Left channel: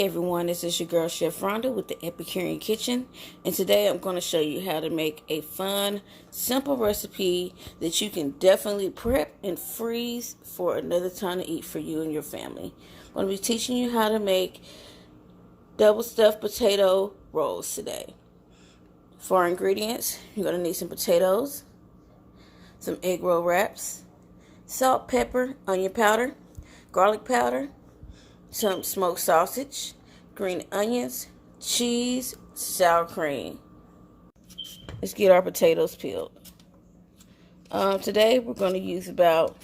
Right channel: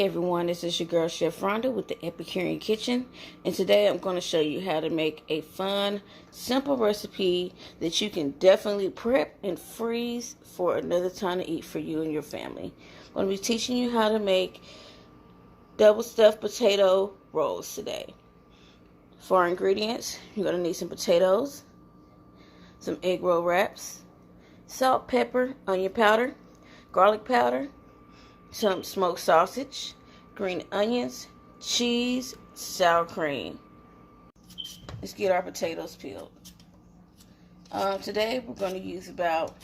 Hey everyone, this is your girl Chef Ronda with the Epicurean Kitchen, and today I'm going to show you how to make a fun, simple recipe that you can definitely prep and freeze for another time to eat for you and your family. I'm going to be teaching you how to make double stuffed potato rolls today. For our ingredients, you're going to need some potatoes, some egg roll wraps, salt, pepper, onion powder, garlic powder, some smoked sausage, green onions, cheese, sour cream. Let's get our potatoes peeled. Today we're going to use about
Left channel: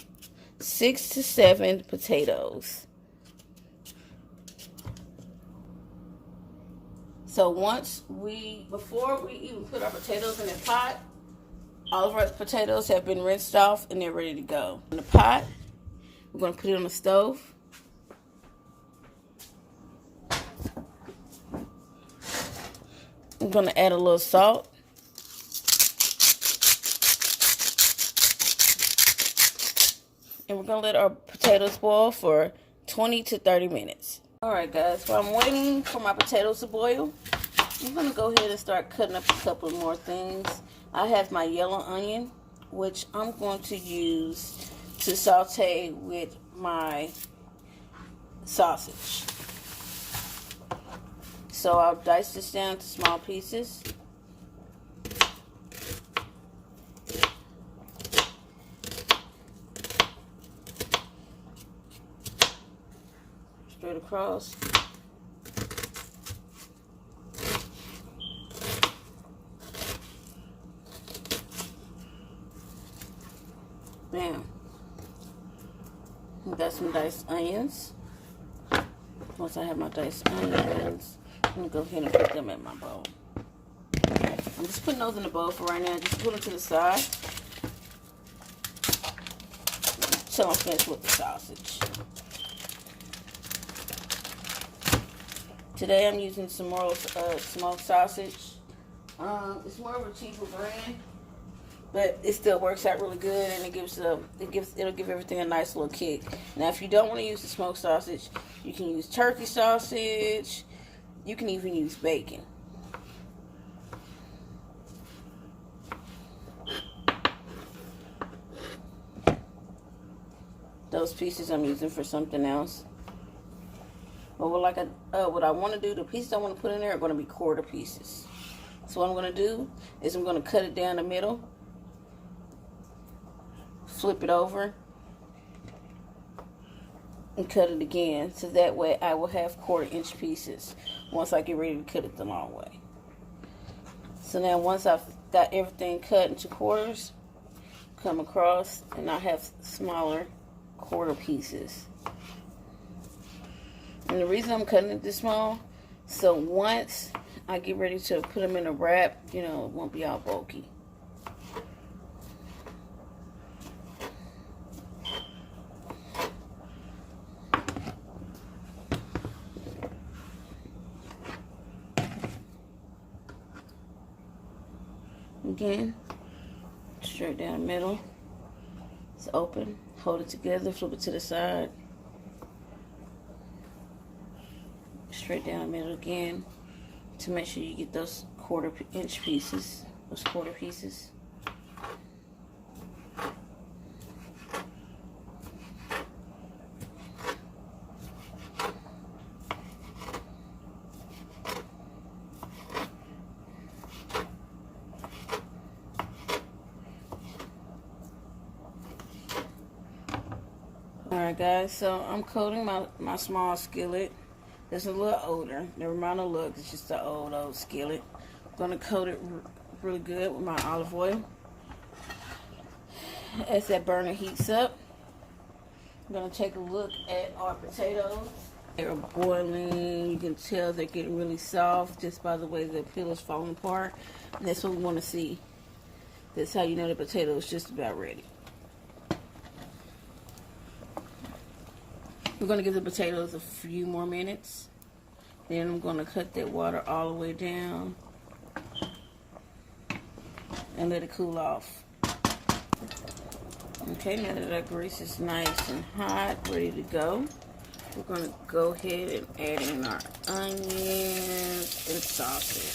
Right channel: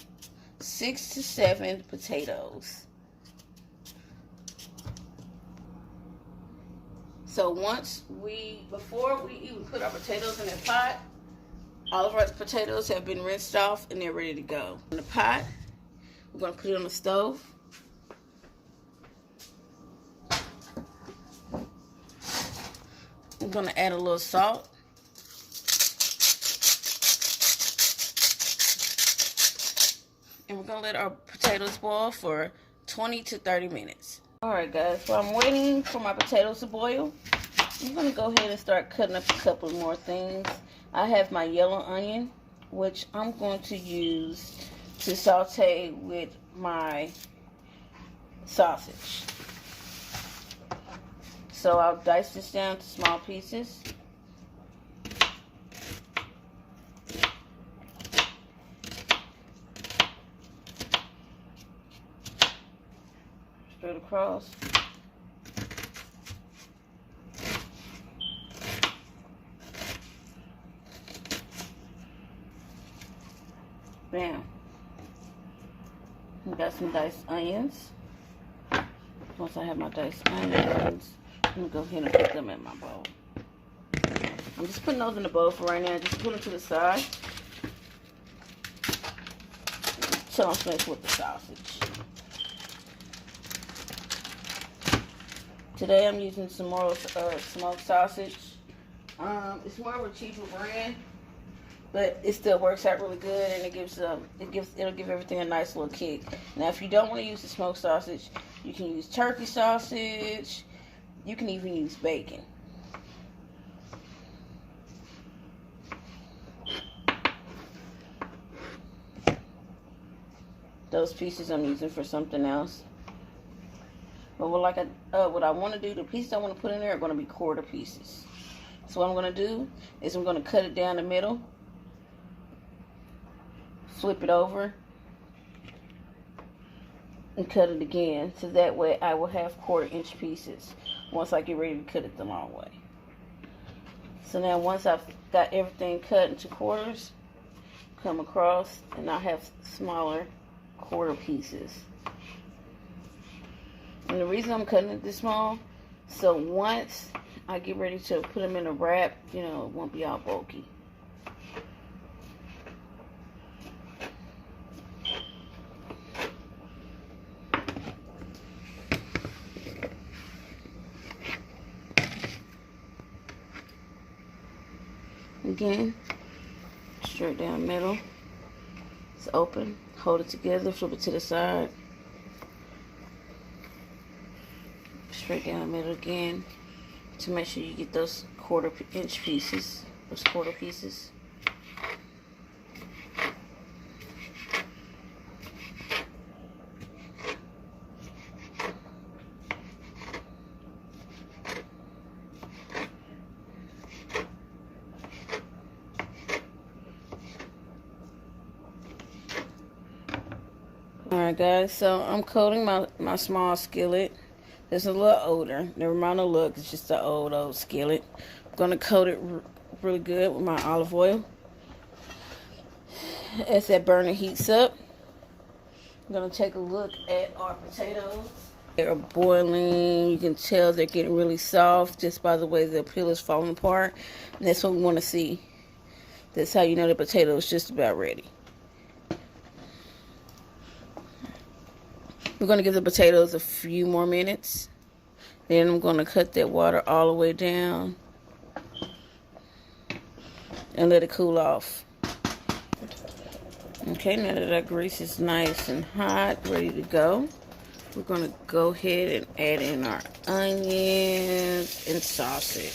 6 to 7 potatoes. So before we even put our potatoes in the pot, all of our potatoes have been rinsed off and they're ready to go. In the pot, we're going to put it on the stove. I'm going to add a little salt. And we're going to let our potatoes boil for 20 to 30 minutes. Alright guys, while I'm waiting for my potatoes to boil, I'm going to go ahead and start cutting up a couple more things. I have my yellow onion, which I'm going to use to saute with my sausage. So I'll dice this down to small pieces. Straight across. Bam. We got some diced onions. Once I have my diced onions, I'm going to go ahead and put them in my bowl. I'm just putting those in the bowl for right now. Just put them to the side until I'm finished with the sausage. Today I'm using some more smoked sausage. It's more of a cheaper brand, but it still works out really good, and it'll give everything a nice little kick. Now, if you don't want to use the smoked sausage, you can use turkey sausage. You can even use bacon. Those pieces I'm using for something else. But what I want to do, the pieces I want to put in there are going to be quarter pieces. So what I'm going to do is I'm going to cut it down the middle, flip it over, and cut it again, so that way I will have 1/4 inch pieces once I get ready to cut it the long way. So now once I've got everything cut into quarters, come across and I have smaller 1/4 pieces. And the reason I'm cutting it this small, so once I get ready to put them in a wrap, it won't be all bulky. Again, straight down the middle. It's open. Hold it together, flip it to the side. Straight down the middle again to make sure you get those 1/4 inch pieces, those 1/4 pieces. Alright guys, so I'm coating my small skillet. It's a little older. Never mind the look, it's just an old skillet. I'm going to coat it really good with my olive oil. As that burner heats up, I'm going to take a look at our potatoes. They're boiling. You can tell they're getting really soft just by the way the peel is falling apart. And that's what we want to see. That's how you know the potato is just about ready. We're going to give the potatoes a few more minutes. Then I'm going to cut that water all the way down and let it cool off. Okay, now that our grease is nice and hot, ready to go, we're going to go ahead and add in our onions and sausage.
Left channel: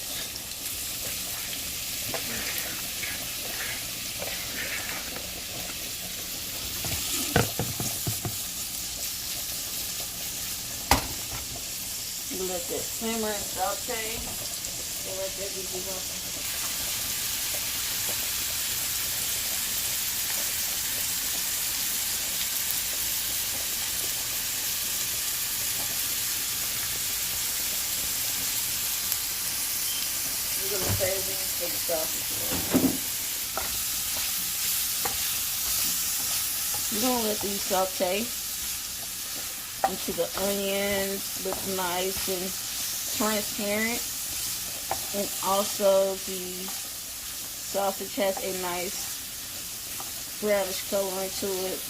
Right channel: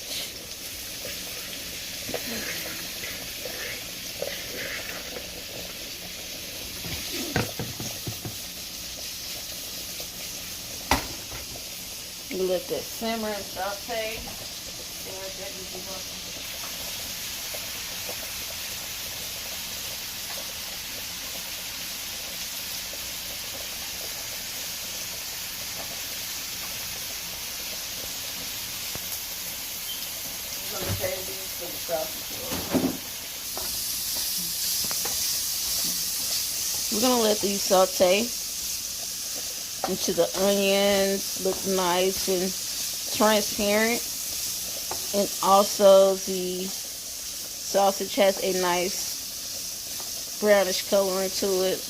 You let that simmer and saute. And let that be done. We're going to save these for the sausage. We're going to let these saute until the onions look nice and transparent, and also the sausage has a nice brownish color into it.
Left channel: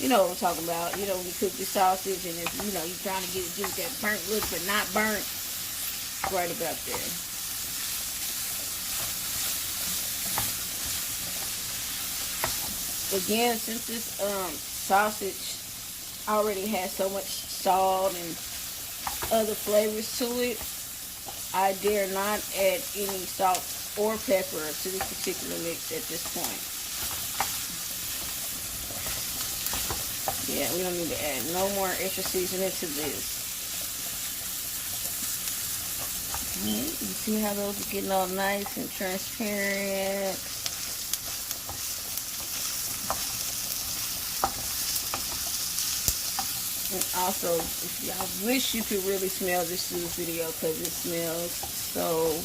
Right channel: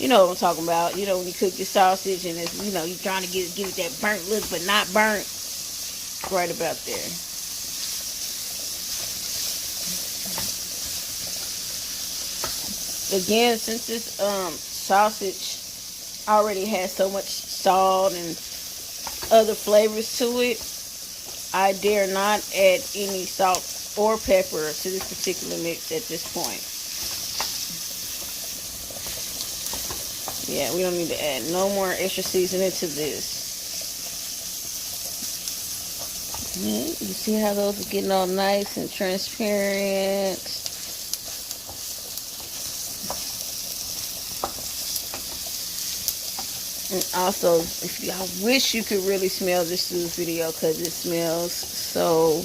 You know what I'm talking about. You know when you cook your sausage and it's, you know, you're trying to give it that burnt look but not burnt. Right about there. Again, since this sausage already has so much salt and other flavors to it, I dare not add any salt or pepper to this particular mix at this point. Yeah, we don't need to add no more extra seasoning to this. You see how those are getting all nice and transparent. And also, if y'all wish you could really smell this food video, because it smells so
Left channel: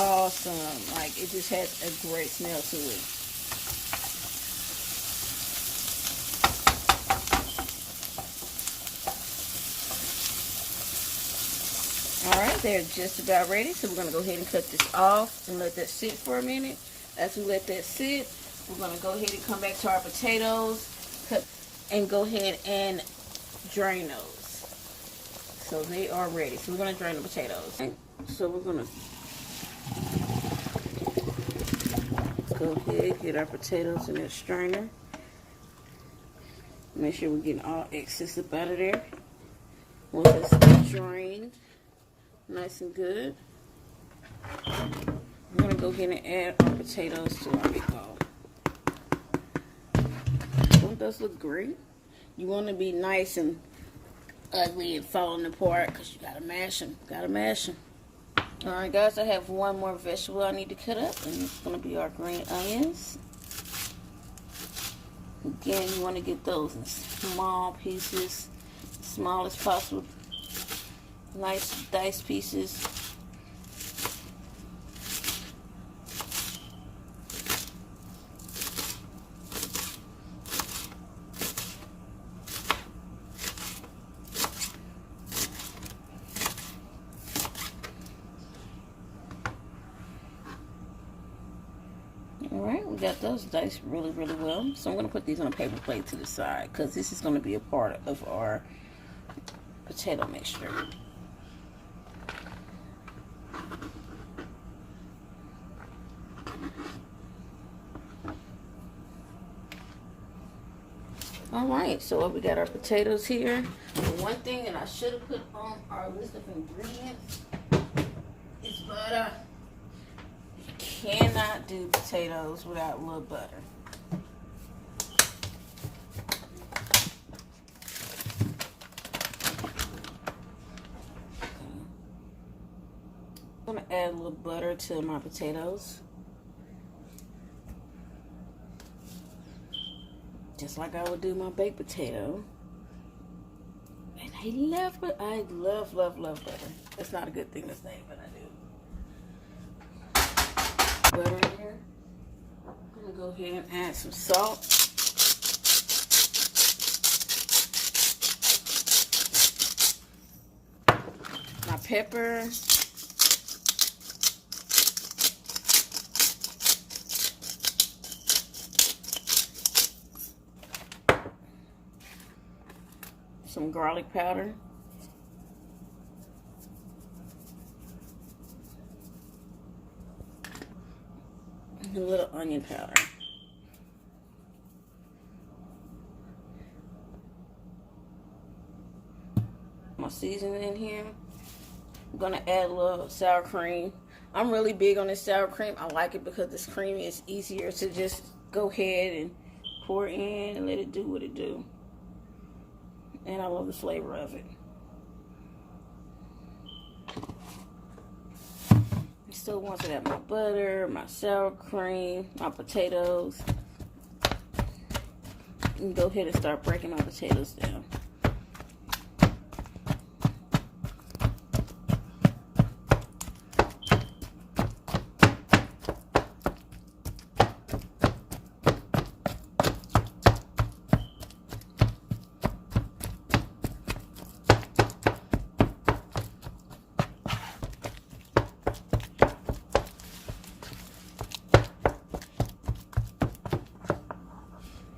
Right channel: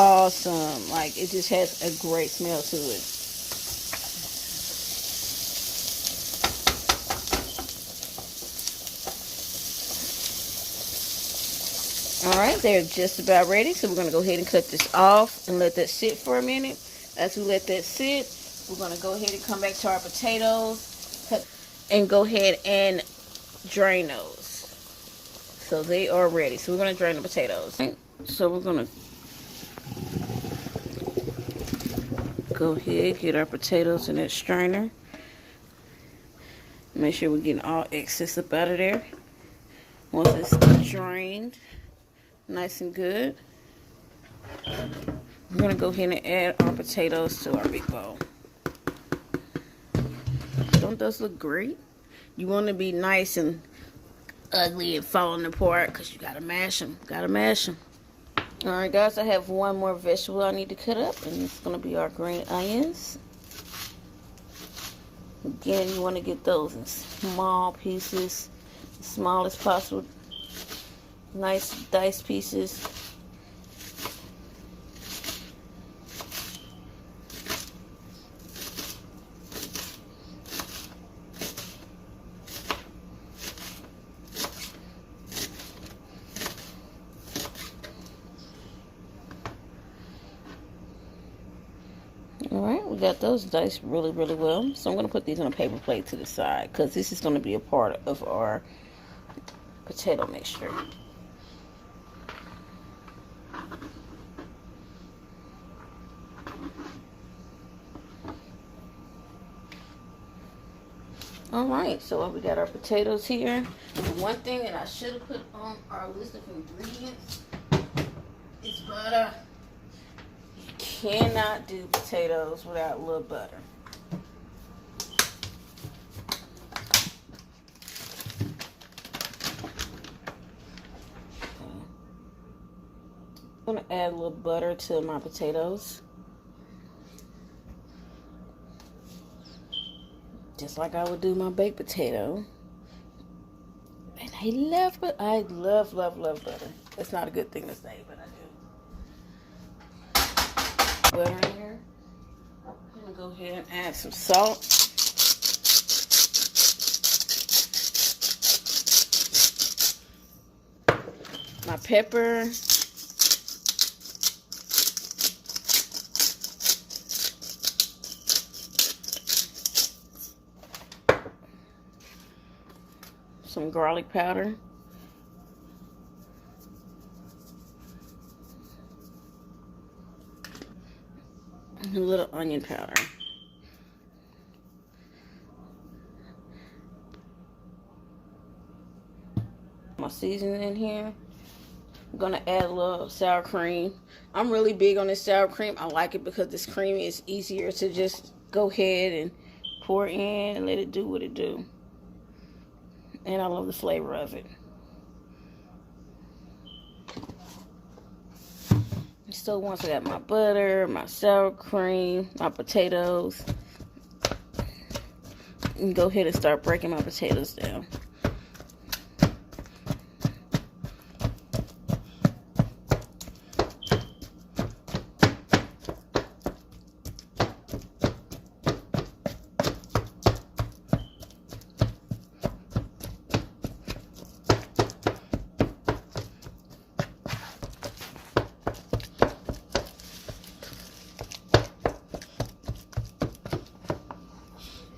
awesome. Like, it just has a great smell to it. Alright, they're just about ready. So we're going to go ahead and cut this off and let that sit for a minute. As we let that sit, we're going to go ahead and come back to our potatoes. Cut and go ahead and drain those. So they are ready. So we're going to drain the potatoes. Okay. So we're going to go ahead, get our potatoes in that strainer. Make sure we're getting all excess up out of there. Once it's drained nice and good, we're going to go ahead and add our potatoes to our big bowl. Don't those look great? You want to be nice and ugly and falling apart because you got to mash them. Got to mash them. Alright guys, I have one more vegetable I need to cut up, and it's going to be our green onions. Again, you want to get those in small pieces, small as possible. Nice diced pieces. Alright, we got those diced really, really well. So I'm going to put these on a paper plate to the side, because this is going to be a part of our potato mixture. Alright, so we got our potatoes here. And one thing that I should have put on our list of ingredients is butter. You cannot do potatoes without a little butter. I'm going to add a little butter to my potatoes. Just like I would do my baked potato. And I love butter. It's not a good thing to say, but I do. Butter in here. I'm going to go ahead and add some salt. My pepper. Some garlic powder. And a little onion powder. seasoning in here. I'm gonna add a little sour cream. I'm really big on this sour cream. I like it because this creamy is easier to just go ahead and pour in and let it do what it do. And I love the flavor of it. So once I got my butter, my sour cream, my potatoes, and go ahead and start breaking my potatoes down.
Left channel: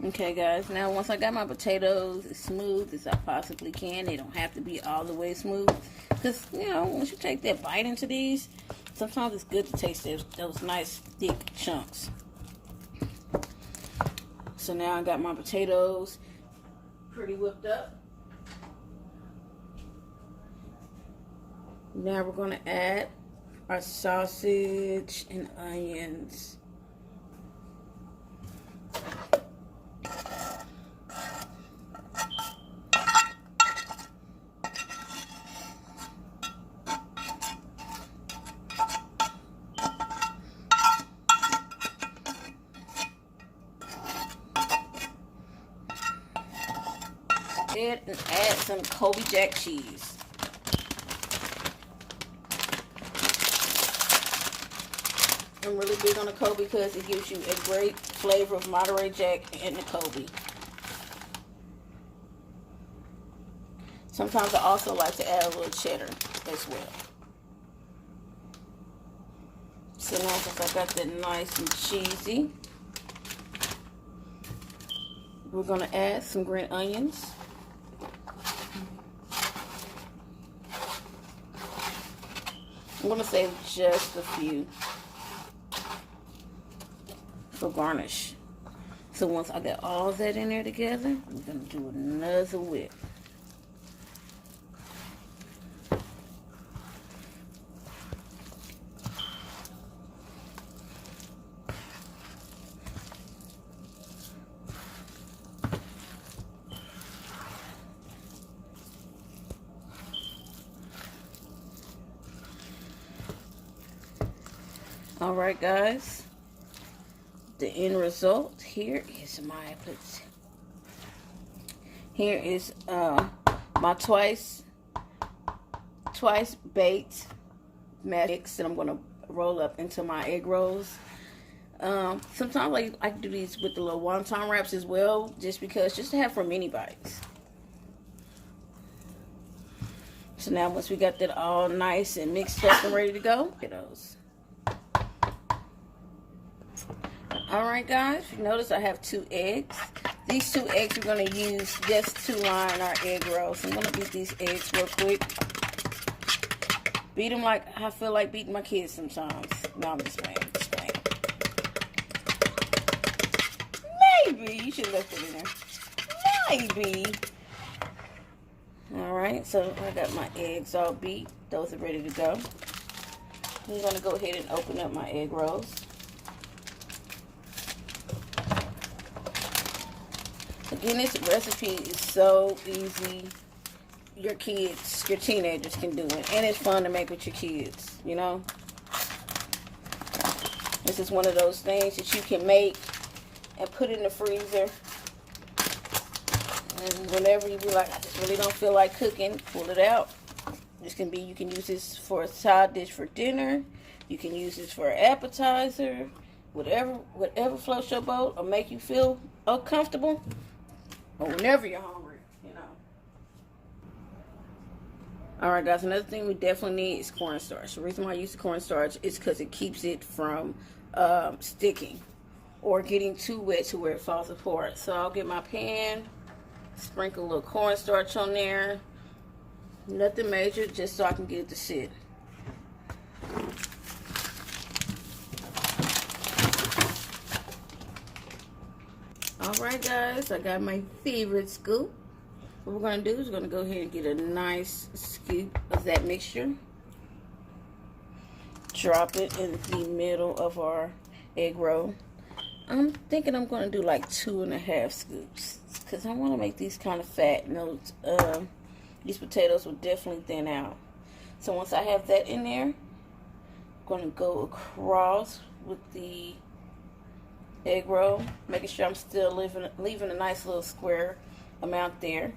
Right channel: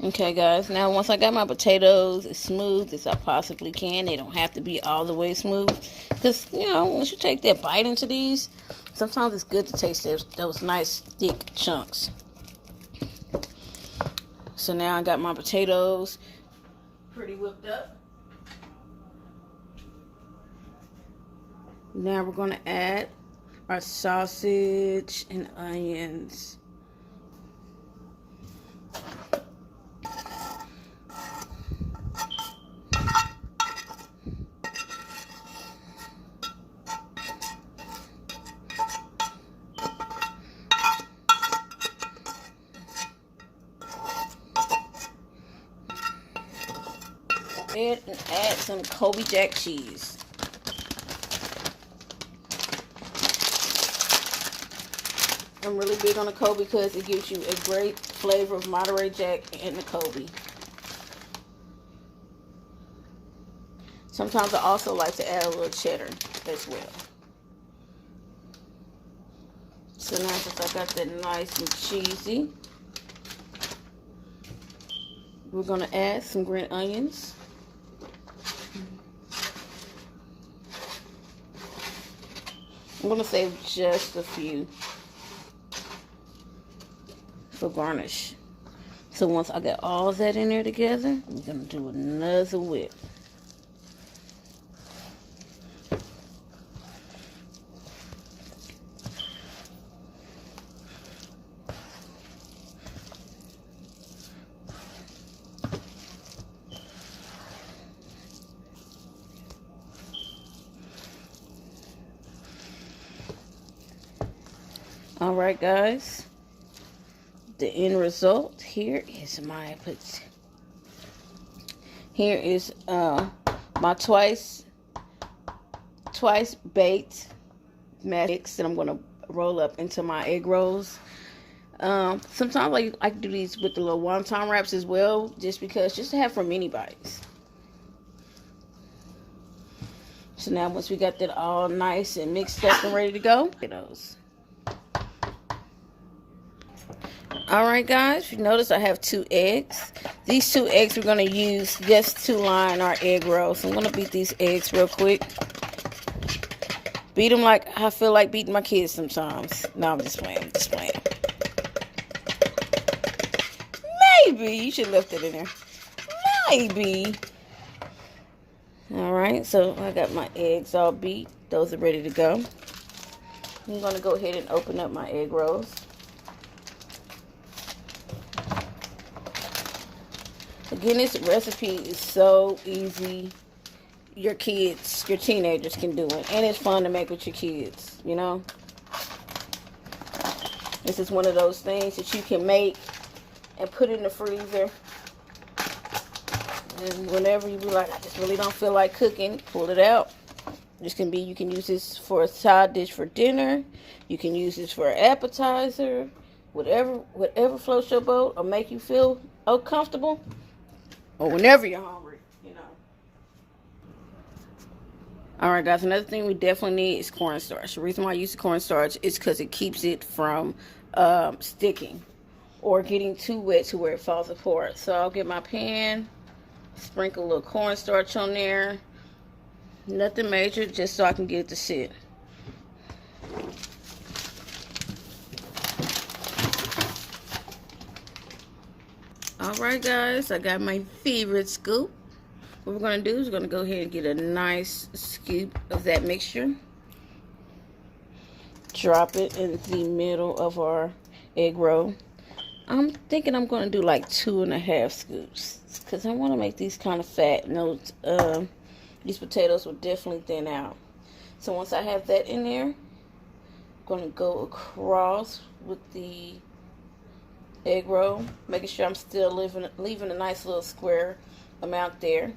Okay guys, now once I got my potatoes as smooth as I possibly can, they don't have to be all the way smooth, because you know, once you take that bite into these, sometimes it's good to taste those nice thick chunks. So now I got my potatoes pretty whipped up. Now we're going to add our sausage and onions. And add some Kobe Jack cheese. I'm really big on the Kobe because it gives you a great flavor of Monterey Jack and the Kobe. Sometimes I also like to add a little cheddar as well. So now since I got that nice and cheesy, we're going to add some green onions. I'm going to save just a few for garnish. So once I got all of that in there together, I'm going to do another whip. All right, guys, the end result here is my twice baked mix that I'm gonna roll up into my egg rolls. Sometimes I can do these with the little wonton wraps as well, just to have for mini bites. So now once we got that all nice and mixed up and ready to go, look at those. Alright guys, you notice I have 2 eggs. These 2 eggs we're going to use just to line our egg rolls. So I'm going to beat these eggs real quick. Beat them like I feel like beating my kids sometimes. No, I'm just playing. Maybe. You should have left it in there. Maybe. Alright, so I got my eggs all beat. Those are ready to go. I'm going to go ahead and open up my egg rolls. Again, this recipe is so easy. Your kids, your teenagers can do it. And it's fun to make with your kids, you know. This is one of those things that you can make and put in the freezer. And whenever you be like, I just really don't feel like cooking, pull it out. You can use this for a side dish for dinner. You can use this for an appetizer. Whatever floats your boat or make you feel comfortable. Or whenever you're hungry, you know. Alright guys, another thing we definitely need is cornstarch. The reason why I use the cornstarch is because it keeps it from sticking or getting too wet to where it falls apart. So I'll get my pan, sprinkle a little cornstarch on there. Nothing major, just so I can get it to sit. Alright guys, I got my favorite scoop. What we're going to do is we're going to go ahead and get a nice scoop of that mixture. Drop it in the middle of our egg roll. I'm thinking I'm going to do like 2.5 scoops because I want to make these kind of fat, and these potatoes will definitely thin out. So once I have that in there, I'm going to go across with the egg roll, making sure I'm still leaving a nice little square amount there.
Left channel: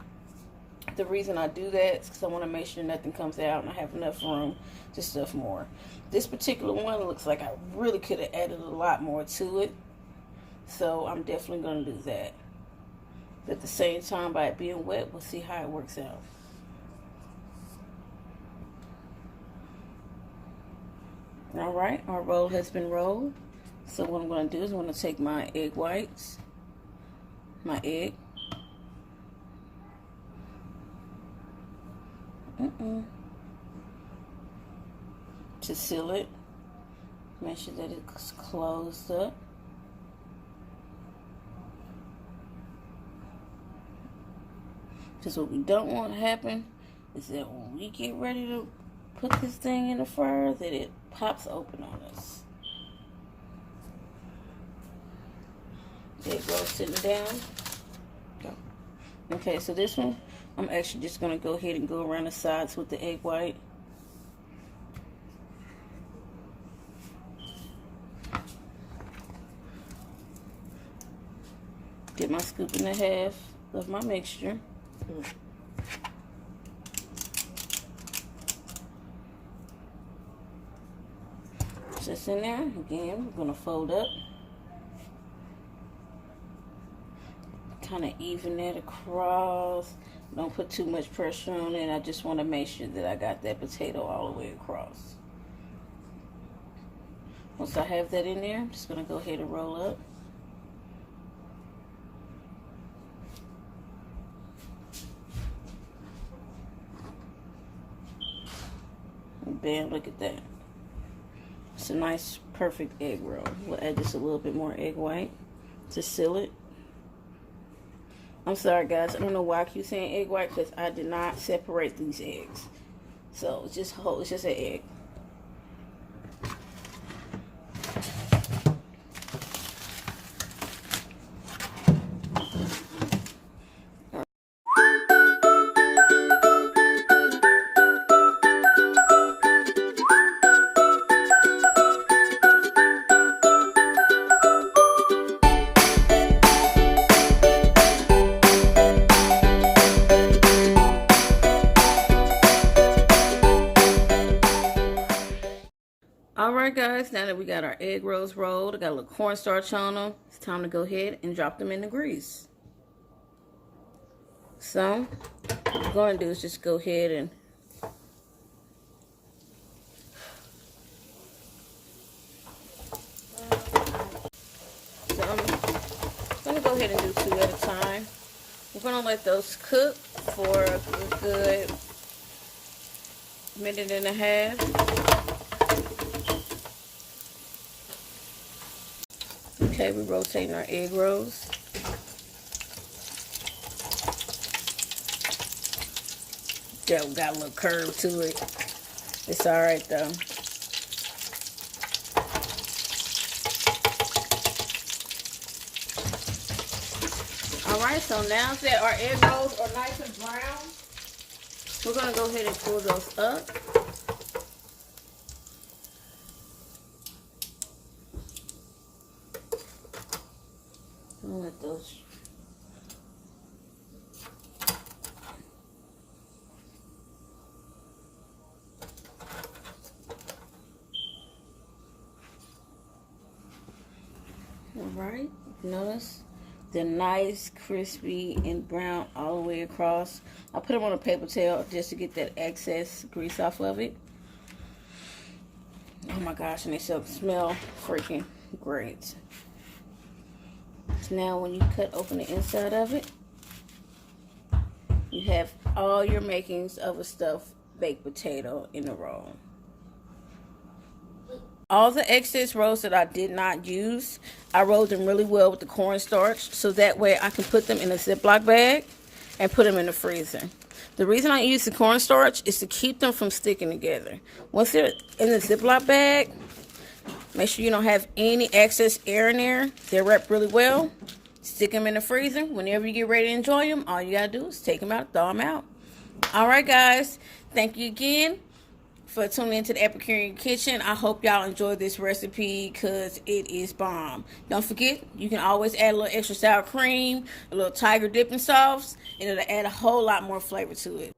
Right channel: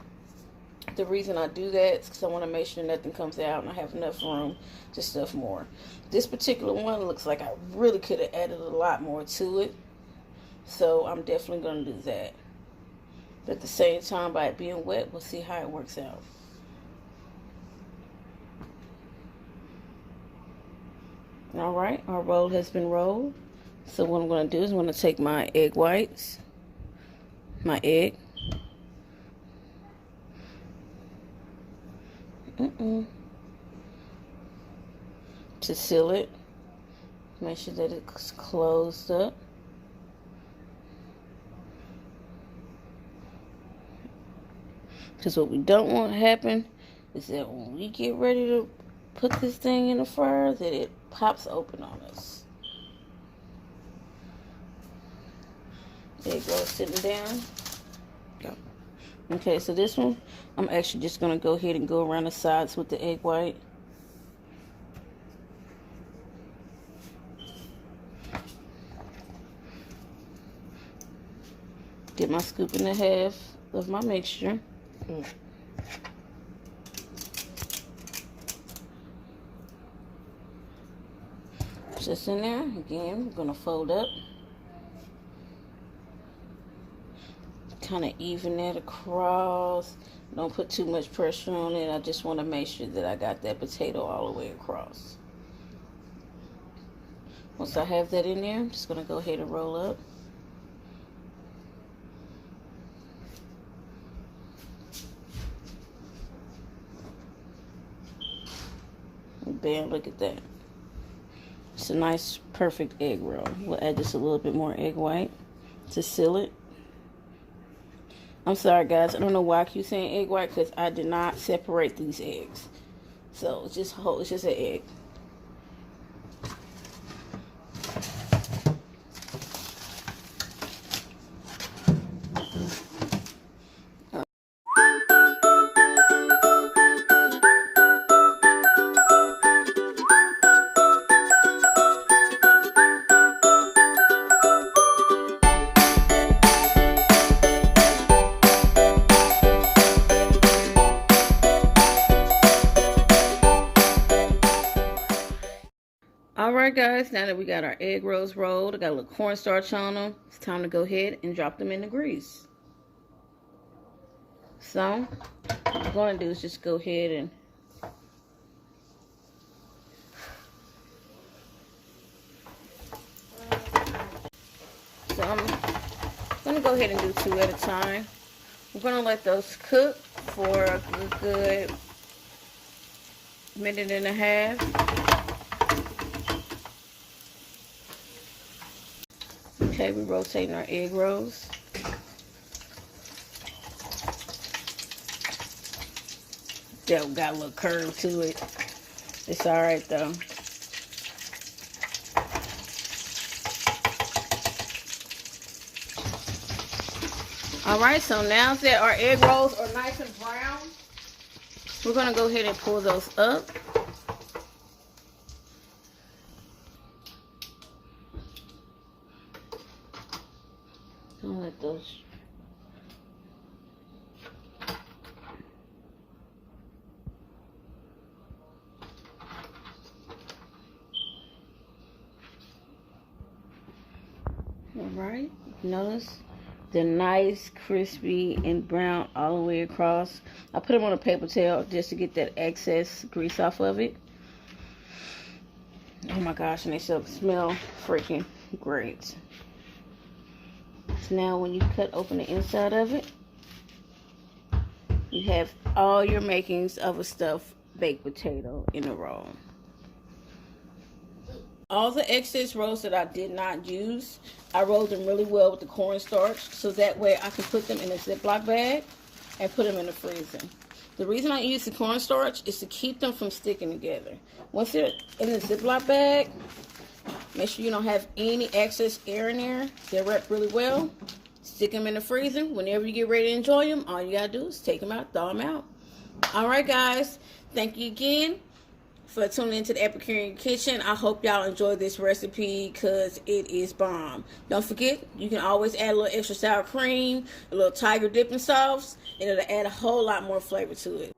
The reason I do that is because I want to make sure nothing comes out and I have enough room to stuff more. This particular one looks like I really could have added a lot more to it, so I'm definitely going to do that. But at the same time, by it being wet, we'll see how it works out. Alright, our roll has been rolled. So what I'm going to do is I'm going to take my egg whites, my egg, to seal it. Make sure that it's closed up. Because what we don't want to happen is that when we get ready to put this thing in the fryer, that it pops open on us. There you go, sitting down. Okay, so this one, I'm actually just going to go ahead and go around the sides with the egg white. Dip my scoop and a half of my mixture. Just in there. Again, we're going to fold up. Kind of even that across. Don't put too much pressure on it. I just want to make sure that I got that potato all the way across. Once I have that in there, I'm just going to go ahead and roll up. And bam, look at that. It's a nice, perfect egg roll. We'll add just a little bit more egg white to seal it. I'm sorry, guys. I don't know why I keep saying egg white, because I did not separate these eggs. So it's just whole. It's just an egg. Alright guys, now that we got our egg rolls rolled, I got a little cornstarch on them, it's time to go ahead and drop them in the grease. So, what I'm going to do is just go ahead and I'm going to go ahead and do 2 at a time. I'm going to let those cook for a good minute and a half. Okay, we're rotating our egg rolls. That got a little curve to it. It's alright though. Alright, so now that our egg rolls are nice and brown, we're going to go ahead and pull those up. Let those. Alright, notice they're nice, crispy, and brown all the way across. I put them on a paper towel just to get that excess grease off of it. Oh my gosh, and they smell freaking great. Now when you cut open the inside of it, you have all your makings of a stuffed baked potato in a roll. All the excess rolls that I did not use, I rolled them really well with the cornstarch, so that way I can put them in a Ziploc bag and put them in the freezer. The reason I use the cornstarch is to keep them from sticking together. Once they're in the Ziploc bag, make sure you don't have any excess air in there. They're wrapped really well. Stick them in the freezer. Whenever you get ready to enjoy them, all you gotta do is take them out, throw them out. Alright guys, thank you again for tuning into the Epicurean Kitchen. I hope y'all enjoy this recipe because it is bomb. Don't forget, you can always add a little extra sour cream, a little tiger dipping sauce, and it'll add a whole lot more flavor to it.